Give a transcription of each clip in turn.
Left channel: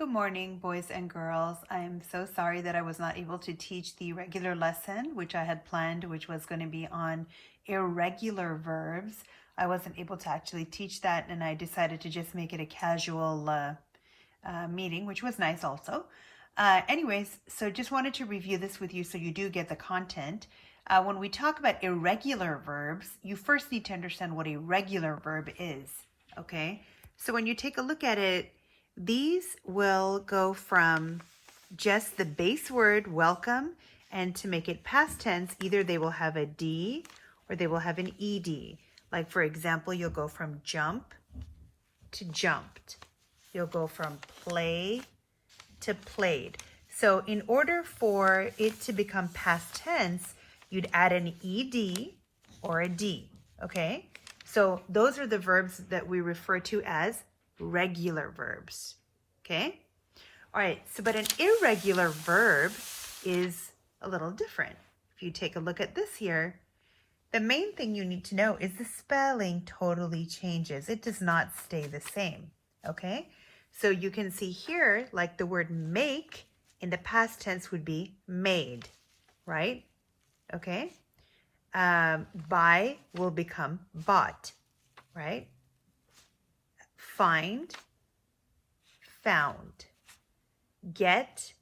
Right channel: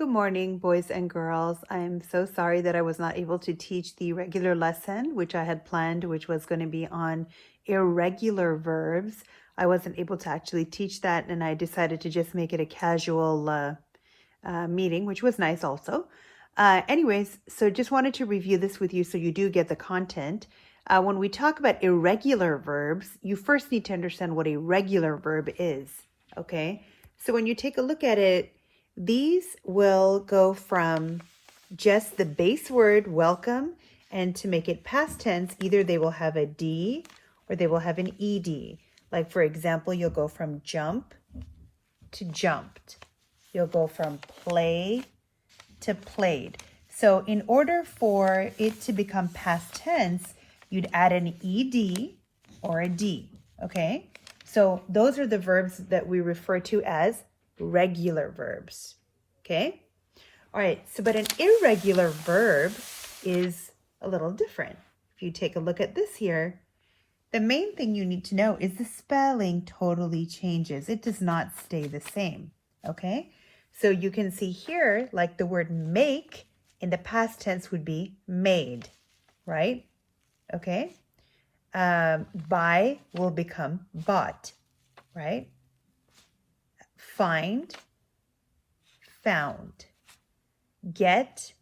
Good morning, boys and girls. I am so sorry that I was not able to teach the regular lesson, which I had planned, which was going to be on irregular verbs. I wasn't able to actually teach that, and I decided to just make it a casual meeting, which was nice also. Anyways, so just wanted to review this with you so you do get the content. When we talk about irregular verbs, you first need to understand what a regular verb is, okay? So when you take a look at it, these will go from just the base word welcome, and to make it past tense, either they will have a D or they will have an ED. Like for example, you'll go from jump to jumped. You'll go from play to played. So in order for it to become past tense, you'd add an ED or a D, okay? So those are the verbs that we refer to as regular verbs, okay? All right, so but an irregular verb is a little different. If you take a look at this here, the main thing you need to know is the spelling totally changes. It does not stay the same, okay? So you can see here, like the word make in the past tense would be made, right? Okay. Buy will become bought, right? Find, found. Get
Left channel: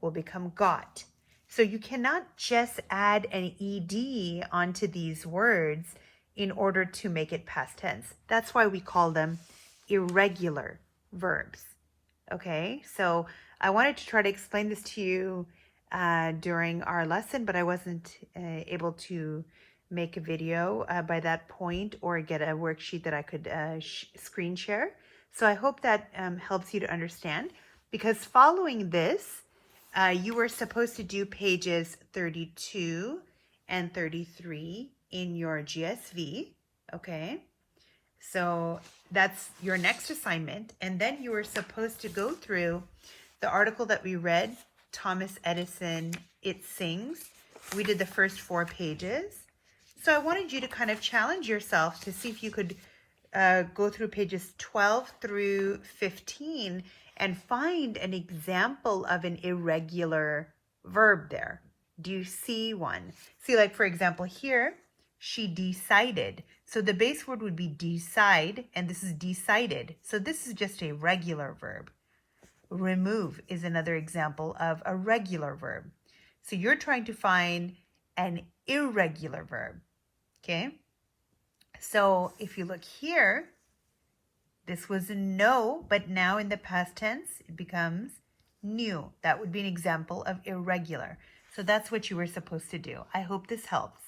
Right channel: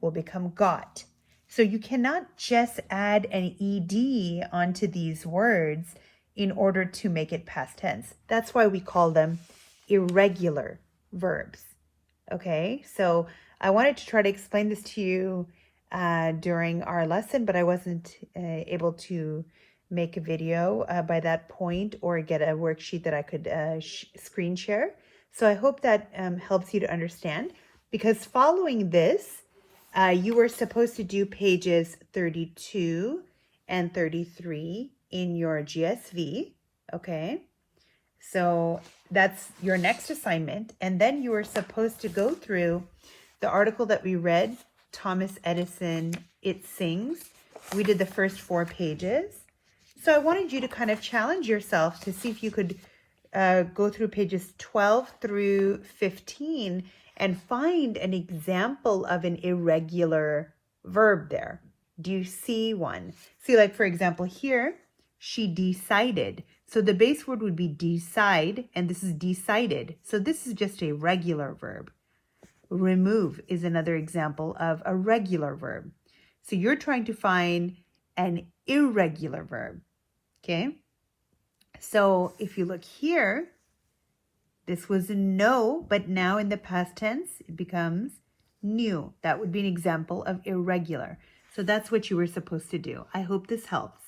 will become got. So you cannot just add an ED onto these words in order to make it past tense. That's why we call them irregular verbs. Okay, so I wanted to try to explain this to you during our lesson, but I wasn't able to make a video by that point or get a worksheet that I could screen share. So I hope that helps you to understand, because following this, you were supposed to do pages 32 and 33 in your GSV, okay? So that's your next assignment. And then you were supposed to go through the article that we read, Thomas Edison, It Sings. We did the first 4 pages. So I wanted you to kind of challenge yourself to see if you could go through pages 12 through 15 and find an example of an irregular verb there. Do you see one? See, like for example here, she decided. So the base word would be decide, and this is decided. So this is just a regular verb. Remove is another example of a regular verb. So you're trying to find an irregular verb, okay? So if you look here, this was no, but now in the past tense, it becomes new. That would be an example of irregular. So that's what you were supposed to do. I hope this helps.